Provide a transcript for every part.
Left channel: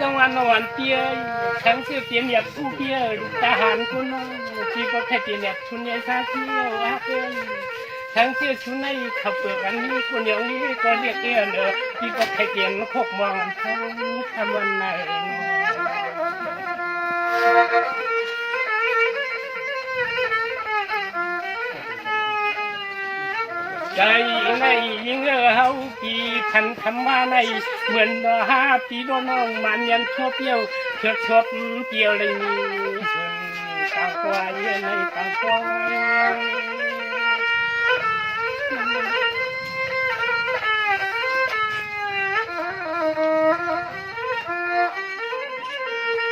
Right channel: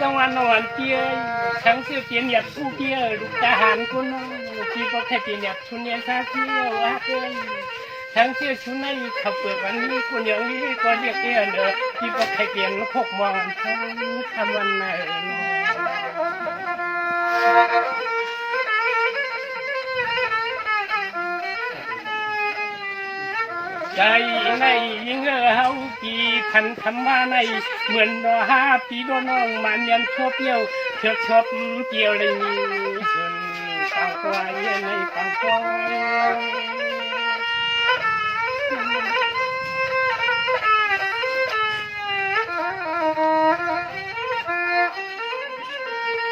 จังหวัดนวันเตียทั้งเสียเตียนหยับผู้เตียลูกทหารคนน้องที่ประเทศเตียนหยับชุนเนียซาเตียวอาเกยทั้งเสียชุนในขับเปลือกอันนี้คนอย่างนี้ก็เรียกเตียนเด้อที่ประเทศเตียนพกมอนทั้งคำวันไหนเนาะ ใจในยิ่งเอเฮาปีพันคำว่าในเหมือนหาปีโดน้องมันยันชั่วเปี้ยวเชือกชบเปียวเลยมีส่วนต่างกวายในต่างกวายว่าเปลือ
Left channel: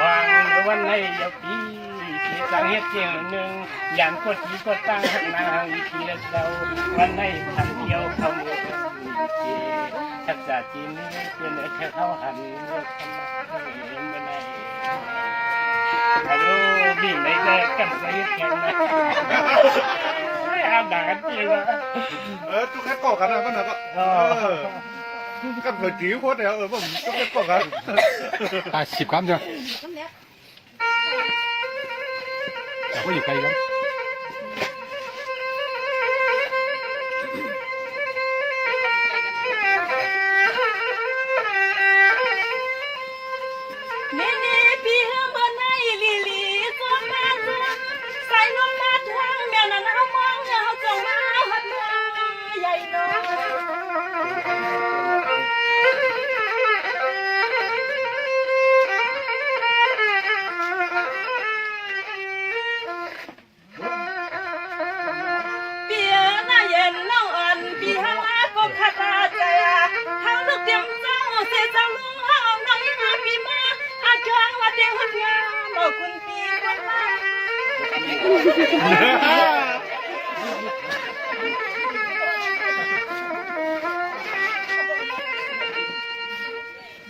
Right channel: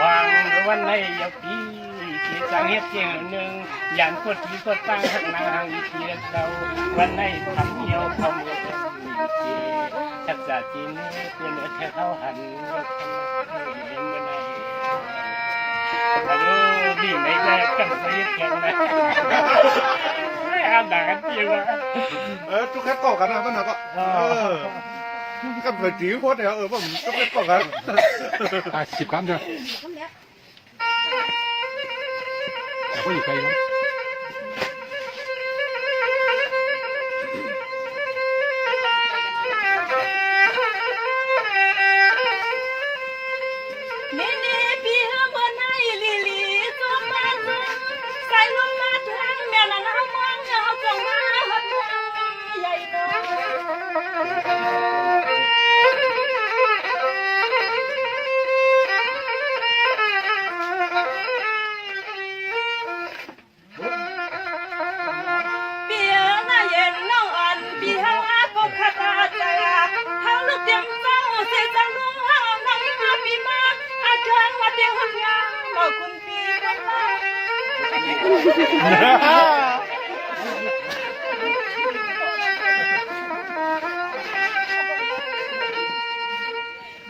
วางวันก็สายปีใหญ่กันนั้นแต่ในนี้ก็อย่าที่สมนาฟังเทศเนียอยู่ฟังฟังวันในยาปีที่จังเฮ็ดเจียงหนึ่งยันกดทีกดตั้งหักนางอีทีแล้วเราวันในทำเที่ยวเข้ามือคนมีเจทักษะจีนนี่เพื่อนเธอเข้าหันยกคำนักเห็นเมื่อไหร่ฮัลโหลดีไหนก็กันไปแข่งนะไม่อาด่ากันเจริงวะเออทุกคนบอกกันนะมันก็เอกั นเผื่อจีโคตรเนี่ยเออผมทุกคนบอกกันอะสิบคำเดียวโอ้ยใครครับ คุณพี่คนละ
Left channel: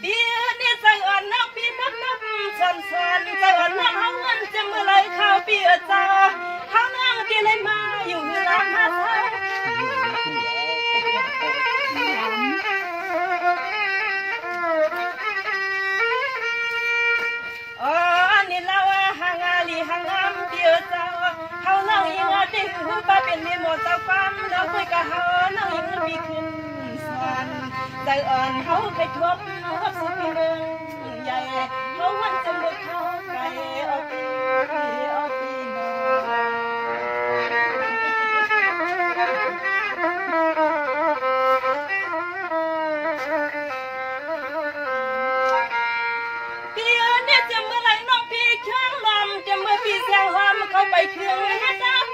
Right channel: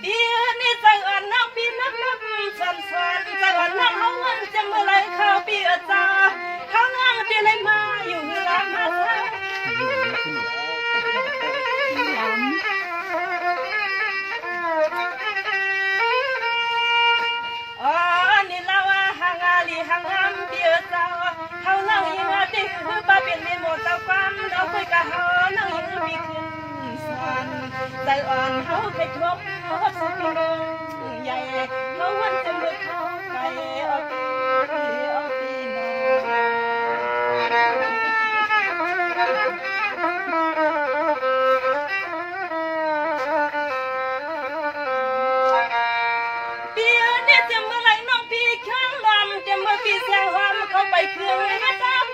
เดี๋ยวนี้ใจอ่อนน้องพี่นักนับสันสันใจอ่อนน้องเฮาเงินจะเมื่อไรเข้าปีอาจาเฮานั่งที่ไหนมาอยู่หลังหาเธอ นั่อาติคือป้าเป็นนี่หมดตาความเราคุยกับเฮานั่งยังมีขึ้นสวนใจอ่อนเฮาไปทบทบสุขีเมืองใหญ่เฮาวันจะมือเขาไกลเอาปีเอาปีน้เดี๋ยวนี้จะเมื่อไรน้องพี่ข้งลำจะเมื่อพี่แซงหอมเข้าไปเครื่องให้ตาควันลำ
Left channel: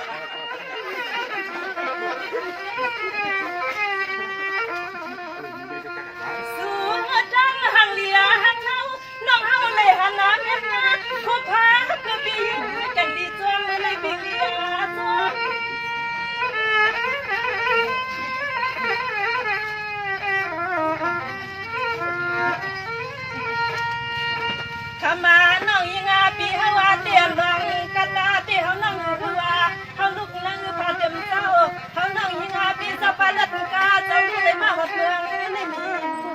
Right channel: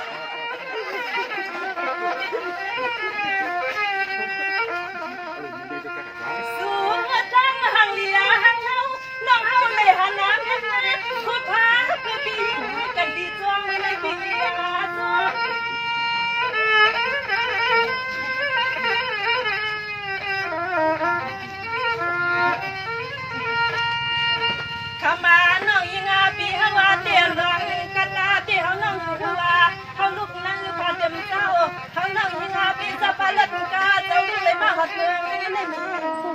น้องยิงอาปีเฮาว่าเตียนลังกะตาเตียวน้องคือว่าเฮาลุกนั่งพาเต็มเจ้าเฮาน้องยิงอาปีสะพานลัดกาใจนี่เลยมาหดเมืองนี่มี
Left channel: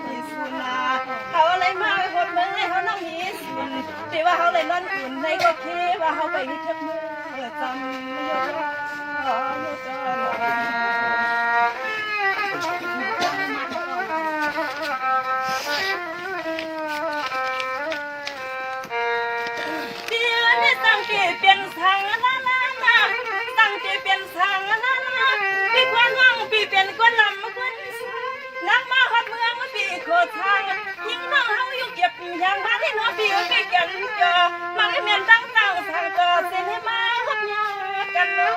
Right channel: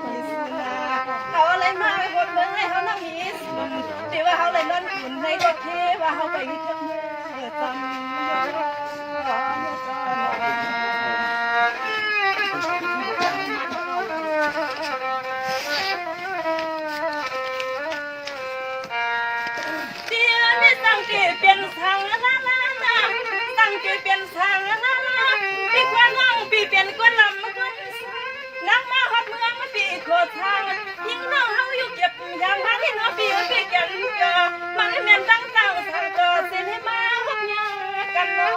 มีสุนาเฮาอะไรมาไปหดเมืองให้เฮาน้องมีสุนที่ว่าเฮาเลยนอนอุ่นในก็เคว่าเฮาไปที่ยวเมืองจำยอดยอดยอด ตั้งเจเป็นสังนะนะนะตั้งเจเป็นสังนะนะปีกว่าน้องปีเป็นกว่านลำก้นนักมาฮอดเมืองมาปีโคทางยิ่งน้องเขาอยู่เก็บยางบ้านที่น้องปีก็นเก็บยางเจอมันก็เหมือนตั้งตั้งสังเกอเส้นให้มาฮอดยางกันเนาะ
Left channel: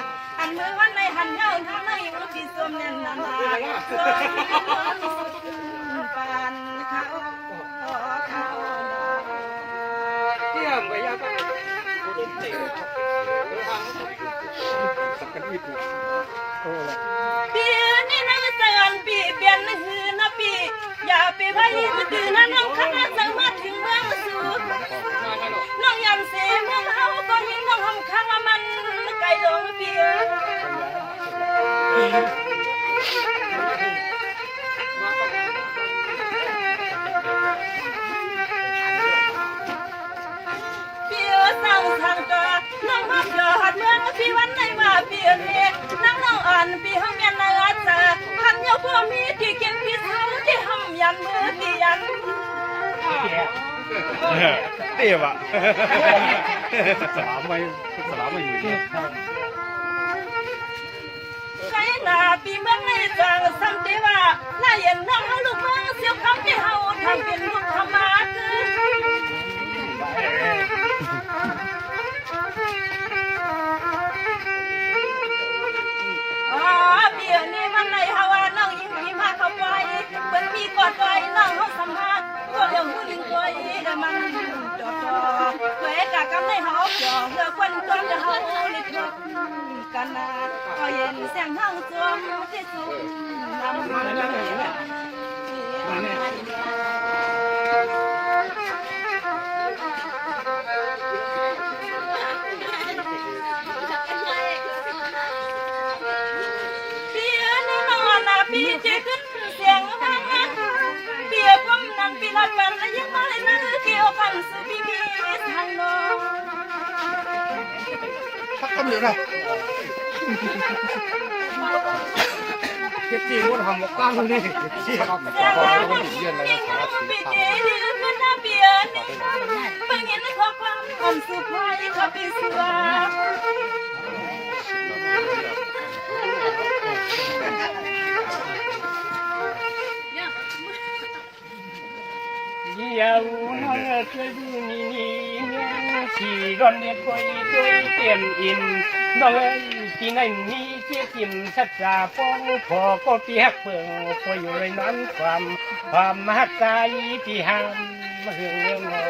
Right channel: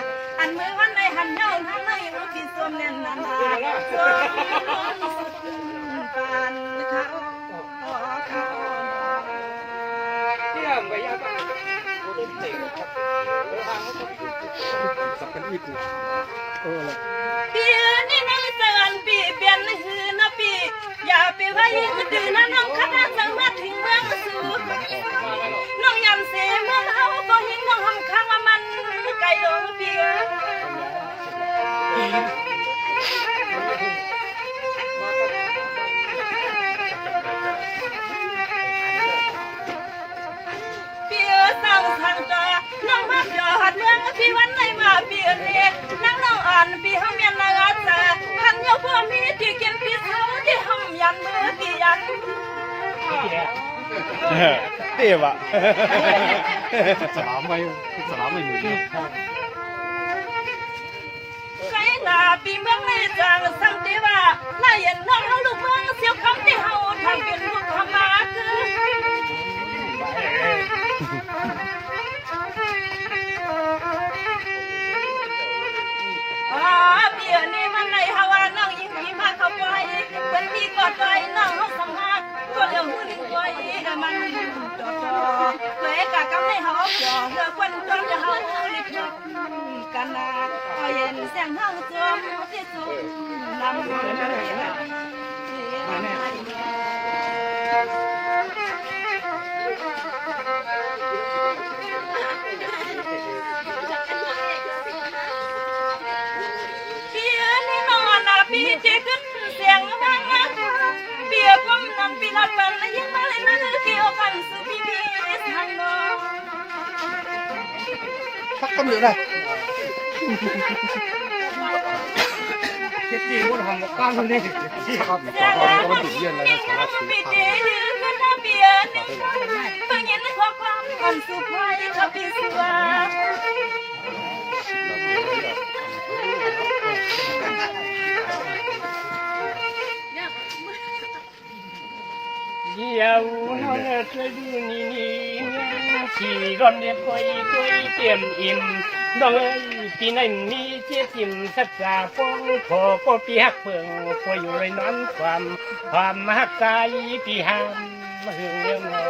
อย้ำในมือนานันอนพี่นอนพนาพนายังสั่งจะมีพี่กินาวน้องอยากอยากพี่ยาก็ขาดก็ไม่ได้ก็อ๋อเปียนี่เมื่อไหร่เขาเรื่องยังไงพี่ยังไงจะทำเราเขาสมุนเลยทั่วเป็นพญามนุ่มอ่อนมาสอนมาวันฮานาอันมือวันในหันเย้าทำนั่งอยู่ที่สวมเน่นนานาสวมปานเขาเขาเที่ยงไปยังก็สักกันอีกโอ้ปีนี้นักเตือนปีเปลี่ยนหือนะปีอย่าไปไว้ดื้อนะน้องคณะสามารถถึงเมืองสูน้องยำเสเมืองเฮาก็ยิงน้องหำข้างว่ามัน ไกลโองปี เปียสั่งทางตาน้องพักยอดเมืองพี่วันไหนมาเปียเนนั่งน้องอ่อนพี่ห้องเมียนนาอาจาพันเยาพ่อมีที่กินพี่เท้าที่ห้องยันมือที่ยัน เตี้ยวะสามไว้สามไว้หมื่นไกลาปีเมืองในจังสังเทว่าลาเห็นน้องเขาลูกเมืองเสียวคำที่เฮาทำเป็นลูกธรรมะคือ อ๋อเปียนี่มันในฮาวาน้องยิ่งมีมาเข้าไปเป็นมีกอดไว้น้องเขาสมภาษณ์ก็เดี๋ยวหุ่นตัวอีมันจอดจอเพื่อกะกำในเขาจอเพื่อคนจนจะเขาลิบกันนะก็เย็นแสงเฮาจอมที่สุดนำเังปีลำเปิดและยังมาเล่นนั่นคือโอกาสสุดพิเศษฮัลโหลพักกันเลยนะจริงว่าทำกับตั้งนี่จริงครับจริงแล้วนะที่ยังมาไม่เจอที่นั่นก็น่าเบียดนะฟังยันในข้อความอันสุภาพอีกครับพี่สุภาพ น้องพักก็มีนะเที่ยวนานเที่ยงแต่แล้วมันยิ่งมีงามปีเงี้ยนี่ร้อนเยี่ยวน้องช่วยดูนี่นี่เมียขี่ร้อนเนี่ยคอยด้วยเตรียมอิ่มน้องเอ้ยปีนั้นมีเจี๊ยิมสัจจาฟ้องพอก็ปีหักเพิ่งคอยอยู่เลยนั้นความความมหักใจที่ห้ามมาเฮืองเลี้ยงนอ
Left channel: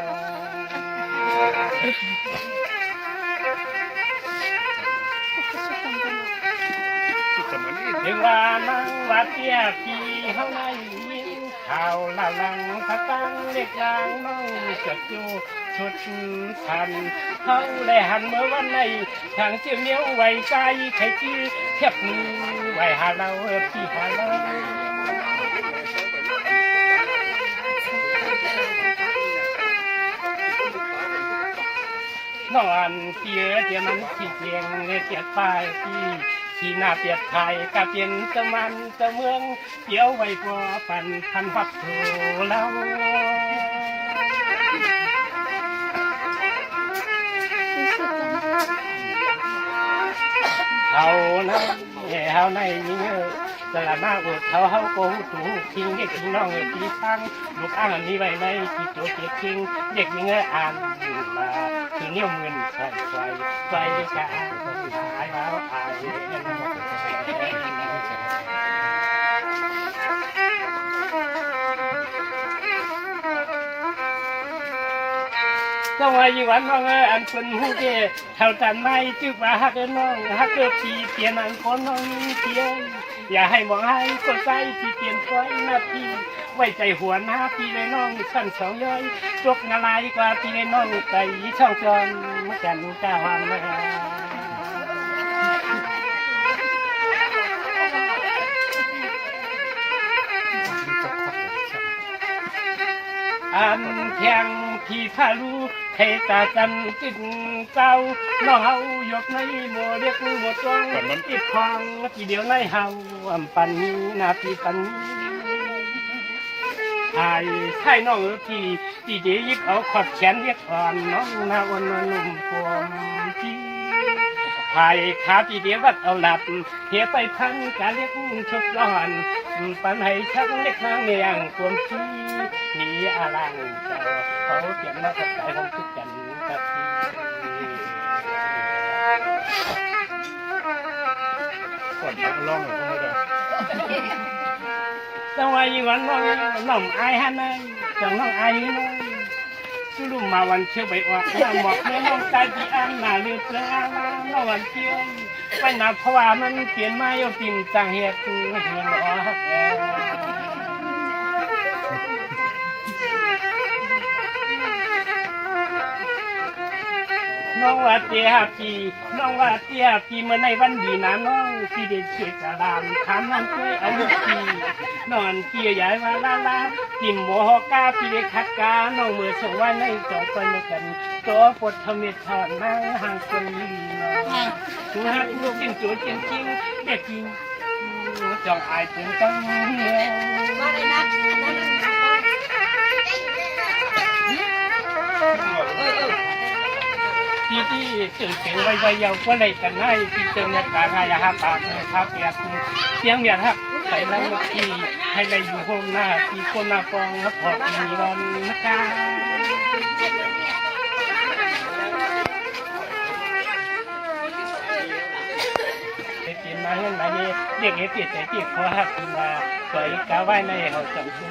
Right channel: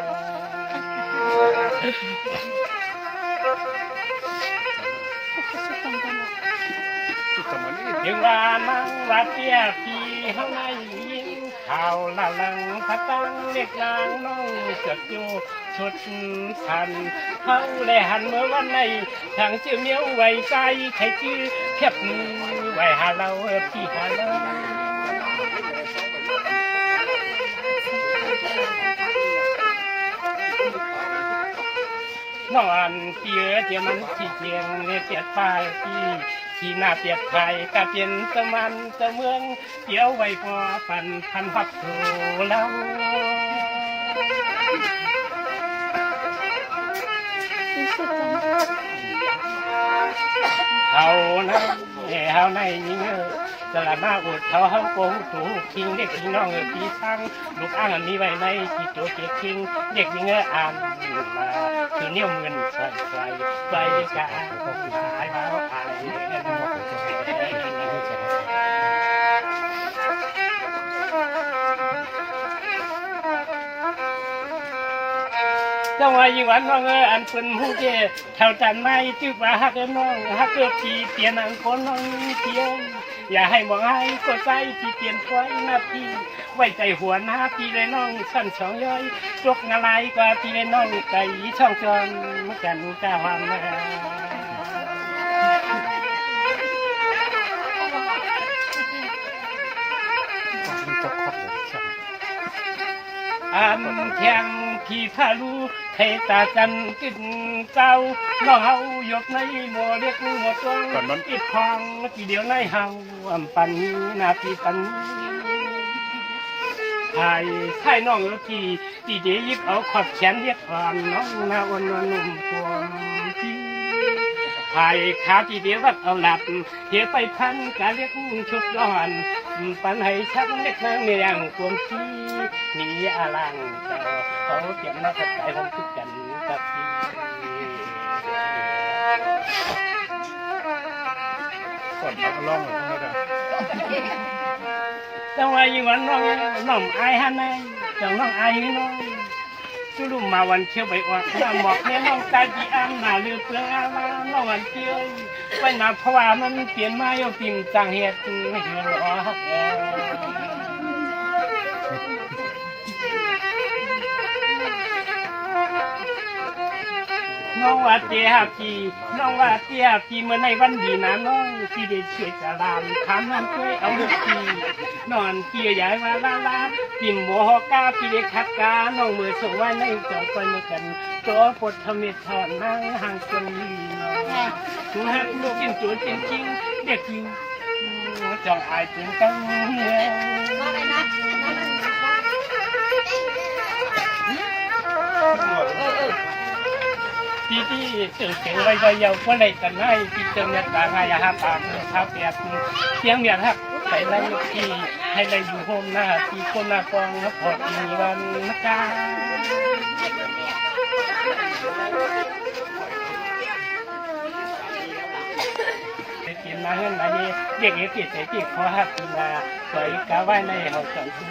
ถึงว่ามังวัดเตี้ยพี่เฮาในยิง ข่าวเล่าหลังตะตังเล็กลางน้องจดอยู่ชุดพันเฮาได้หันเมื่อวันในทางเชื่อเหนียวไว้ใจใครชื่อเทียบมือไว้หาเราพี่หาเรานอนเปียเดี๋ยมันขี้เกียงเปียดปลายพี่ ที่หน้าเปียดไทยก็เปลี่ยนสมันสเมืองเกี่ยวไว้พอปันพันพักโถเราเขาในเฮาในยิงเออ สละมาอดเขาเฮาโกงตูคิงเด็กคิงน้องเออพี่ทั้งลูกอ้างมีไว้ในกี่ตัวเกียคิง เด็กยิงเอออ่านมาคือเนี่ยวมือนใส่ใส่ใส่จะอ่าหายมาอาย ปต้องว่ายิ่วันน้องเอออันเป็นหูเกเท่าตันไม่จื้อว่าฮักเอน้องฮักเออปีเตียนอันคนน้องเพียงอย่าให้มองให้ก็ใจพี่เตียนไว้หน้าพี่ไว้ใจหัวหน้าพี่เลยน้องสั่นสองย้อยจกงาลายกว่าพี่เลยน้องไปช่องจอมกันก้าววันมา อันเพียงพี่พาลูเทตาจันกินเจ้าน้องเฮายกในหมัวเรียกหมัวตวงติดพองทีเดียวในเฮาอำปันนี้นาพี่ปันนี้ไอ้ใช่น้องเออพี่พี่เดียวยิบเอาขอบแขนเรียกอ่อนน้องนาวันนวลนุ่มพวงพี่ไอ้ขาพี่เดียววัดเอาหลับเทียไปพันกาเรียกชุบร้อนปันให้ชักเล็กนางเมียงความที่ มีอาลังเจ้าเขาเตรียมน้ากับใจผมคิดกันกับพี่ก่อนพักร้องหน่อยพวกนี้เด้จังหว่ายิ่งวันน้องน้องอายฮะนายจังน้องอายน้องสุรุมาวันเชียวไปออกน้ำหมอกแม่น้องตาจีอันมาเลือเปลืองอาน้องวันเชียวไว้นาเพราะว่ามันเปลี่ยนมาโยปิมจังเฮ็ดเฮียงออ น้องว่าเตียพี่น้องว่าเตียพี่เมื่อในวันดีนะน้องพี่ได้ช่วยสารามถามน้องช่วยเอาพี่นอนพี่ใหญ่ว่าลาลาติมโมฮอกาพี่ได้คัดกาน้องมือส่งไว้ในจองไปเมื่อกันตัวปดทำเมตถอนนั่งห่างคนนี้น้องถูกหักลูกจริงจูจริงจริงเด็กจริงจองอายจริงจังเลย พี่ที่ตื่นเสียงไว้ไว้เยาวก็เลยกันให้พี่เติมยากาไงอะครับปากเนี่ยเท้าเปียกเสียงเบียดครับไปไล่พี่ให้ได้อยู่โฮมหน้าพี่คนหน้ากองครับพอปีวันนะครับไปกินมาเงินมาเย่เด็กเอฟใส่ปีกคอหักปีนาไว้กาไว้ในหอจังคุ้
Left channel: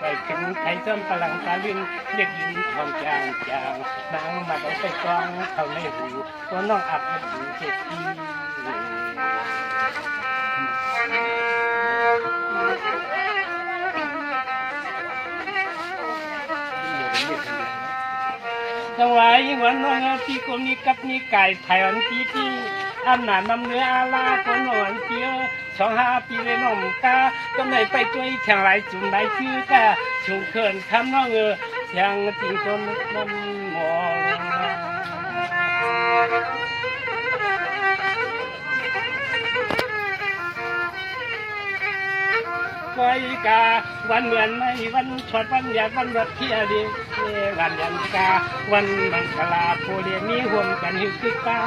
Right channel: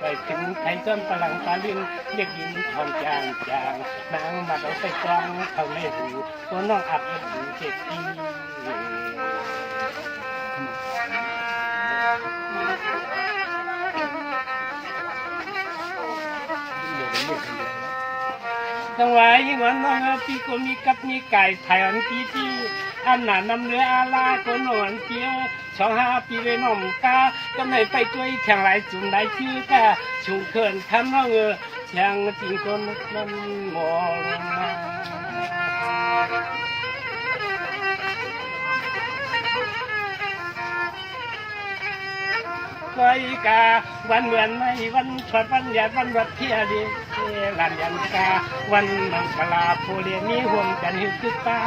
ไปถึงไทยต้นพลังตาลินเด็กหญิงทองจางจางนางมาเอาไปกองเข้าในหูว่าน้องอับเอ็ดหูเจ็ดทีถวายยิ่งวันน้องพี่ก็มีกับมีไก่ไผ่วันพี่ที่ อำนาจนำเนื้ออาลาคนหวนเกียสองห้าปีเลยน้องกาก็ไม่ไปช่วยแข่งไรจุ่มไรชื่อกาชุงเขินคำน้องเออแข่งจริงคนนั้นมองมา กา วันเหมือนไม่วันชดวันหยาดวันรัดเทียดีรันยันกา วันมังคลาโพเรียมีห่วมกันหิวคือป้า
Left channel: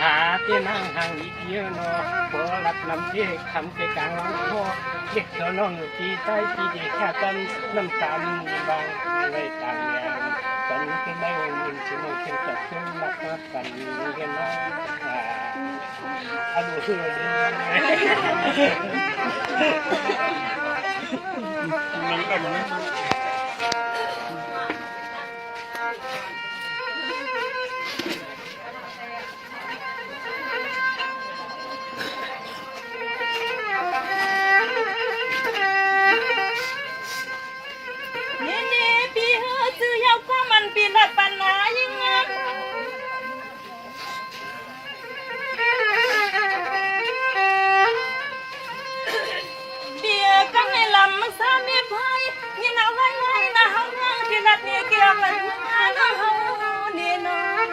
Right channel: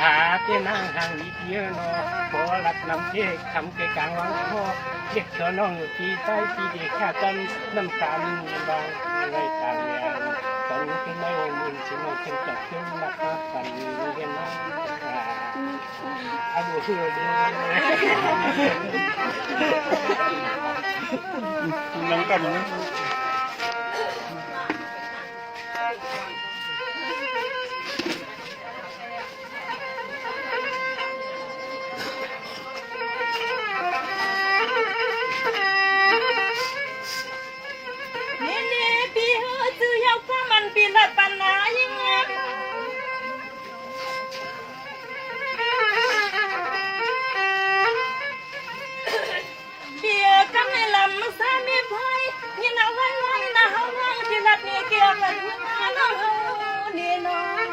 หาเตี้ยนางห่างอีกเยอะนอพอรักนำเจ๊คำเกกลางวังคอเด็กเธอน้องปีใต้ปีเด็กแค่กันน้ำตาลบางไว้ต่างอย่างสันขึ้ นในองค์อินชิโนขึ้นจับขึ้นรักมากปันเห็นนะอะอาดูคือเลยน้องกันนะ ในลำมันสามีพายนี่นาไว้ไว้นะเฮาเฮาที่รัดนี่เกี่ยวกันงานเฮานี่น้อง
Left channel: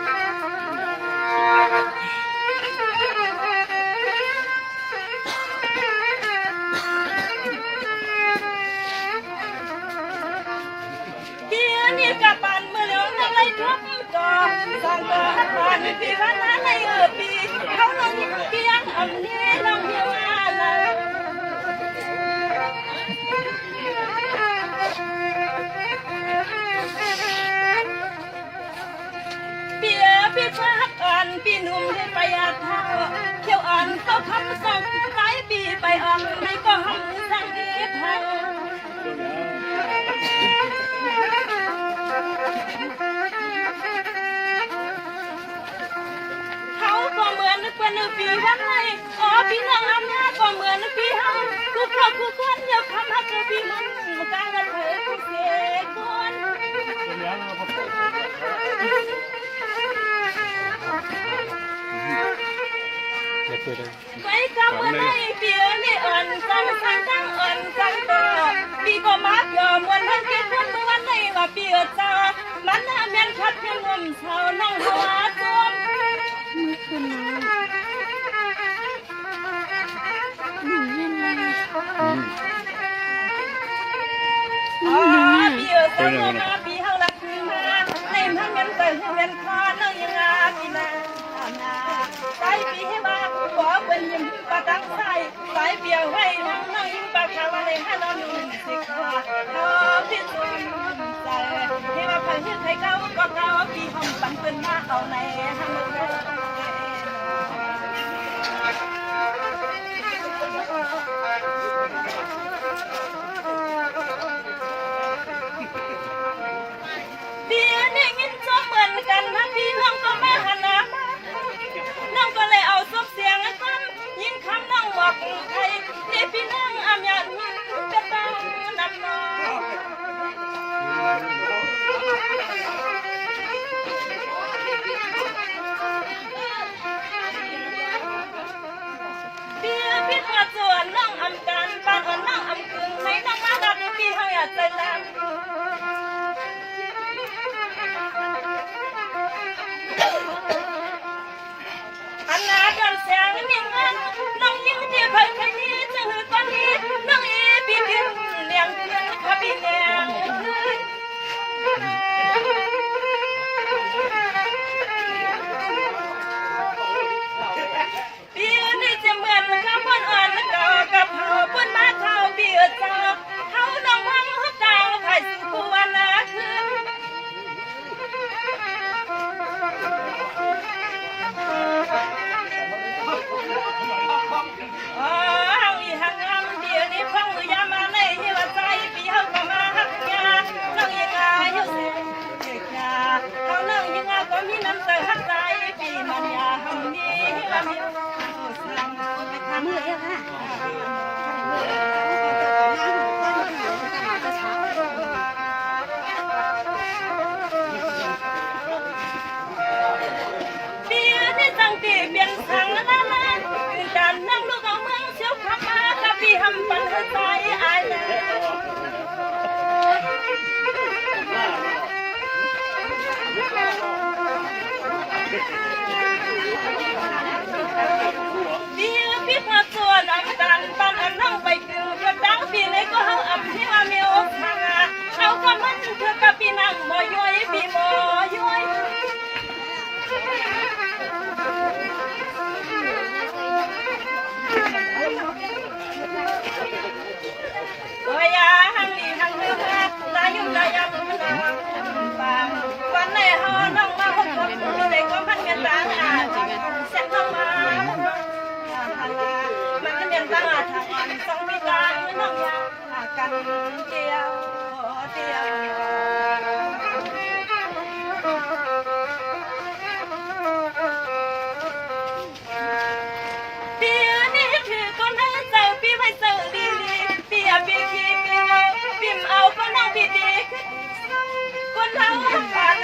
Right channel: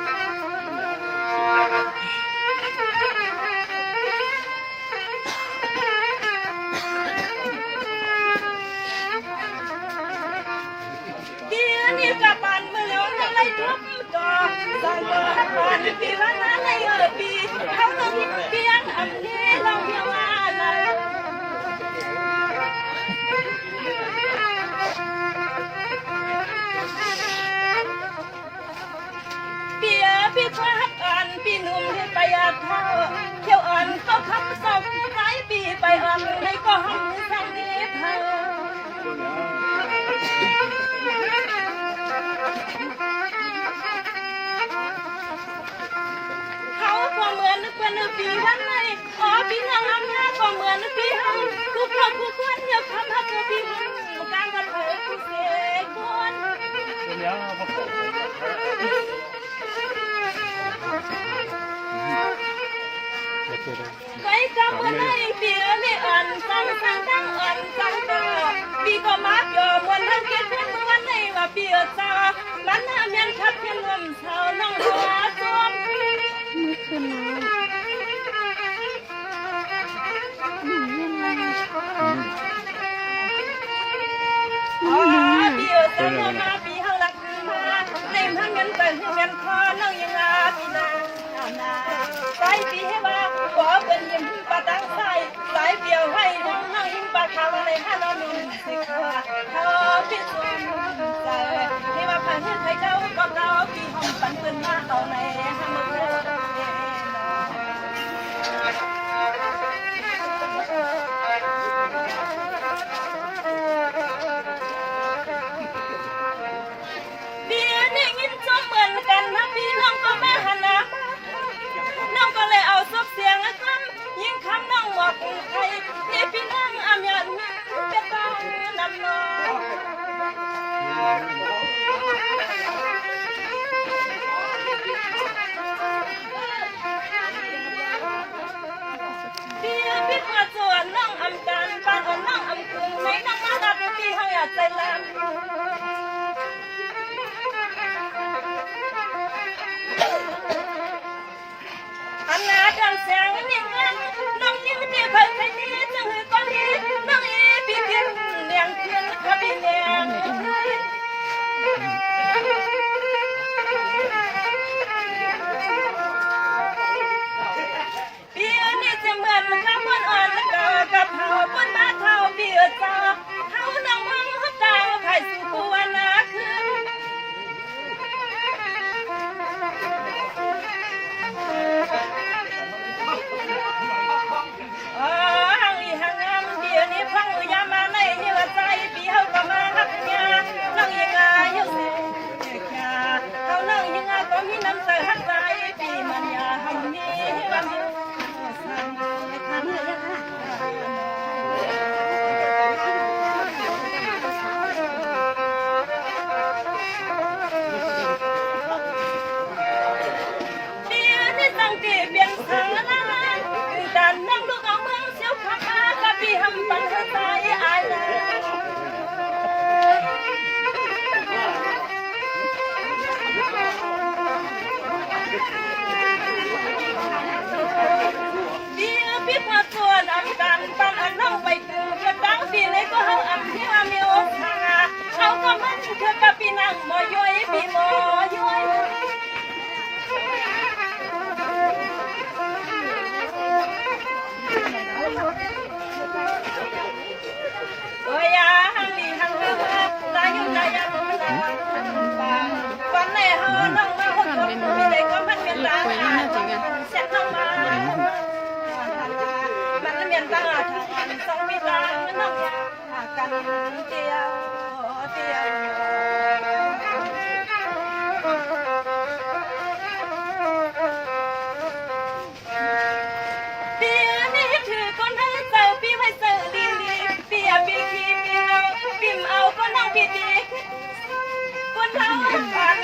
ปียพี่พักอ่านพี่หนุ่มให้ไปอาเท่าเที่ยวอ่านก็คำส่งใจปีไปอ่อนให้ก็หำสังเกตหาเขาก็เหมือนนึกเป็นนึกปีวันไหนอ๋อพี่น้องอำนาจก็เหมือนนึกปีเฮาทุกครอบทุกคนอย่าคำฮักเธอพี่มันมากางกับเทุกเสกคนเป็นยังพวกผมไม่ตัว ไปจำวันไหนปีเอ๋ยไม่อ่อนสังสั่งทั้งอ่อนสังต่อปีก็มาเกิดมวนทั้งเกิดขึ้นเมื่อวันไหนว่าปีเอจามันน่าเมียนชัดเพียงงมเช้าน้องหัวจมมือคืนน้องหนึ่งเล่นอะไรอ๋อปีเอจามาปีเฮาลักขึ้นมาในทั้งเงินแต่เงินพอนน้องยังอาปีนานา ไปปีให้มาขอเป็นยิ้มปะตั้งใจสายเบียวให้น้องน้องยิ้มปะขาวในห้า องบอกใครที่พี่น้องอำยันจะต้องนำน้องเดี๋ยวพี่ขอส่วนน้องอำกันปานอ่อนน้องอำคืนให้น้องมาดับพี่เฮาอยากใจลำ เลี้ยนี่จะเหมือนข้าวบนอ่อนแล้วก็กับเผาบนมาเท่าเบียดต่อเขาต้องมัง งบ่ย้อยพี่บ่ย้อยโอ้ยอะหังดีหังเลือกลายยุ่งลายยำลาบางวันไหนเฮาน้องมาหกกับมีได้ก็มันเมียนตาอ่านเสร็จน้องมามันก็เมียนตาทางอ่อนสองมีตาน้องยากันเดียวเดียว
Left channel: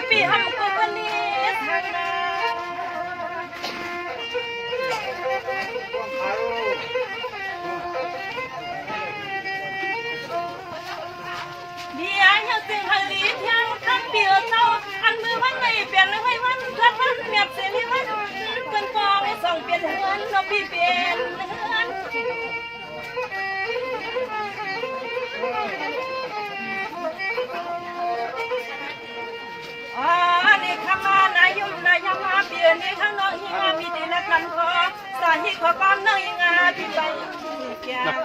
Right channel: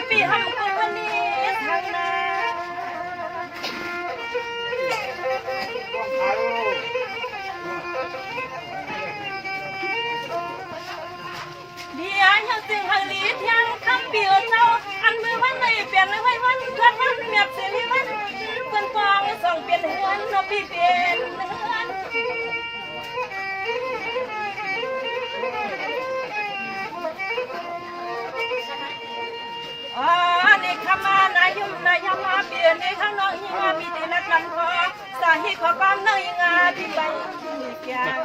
ปีหำกูคนนี้ทางนาเดียวยังจึงหลีเพียงคำเดียเจ้าอันมือวันไม่เปลี่ยนเลยวันวันเกิดวันเมียบเสียนี่วันเป็นฟองสองเปลี่ยนเฮือนนกพี่เปลี่ยนเฮือนอ๋อนี่ขมานายุมนายมาเปลี่ยน ในข้างนอกยิงามีแต่ละคำขอสาหิขอความน้องยิงาที่ใบแก้ว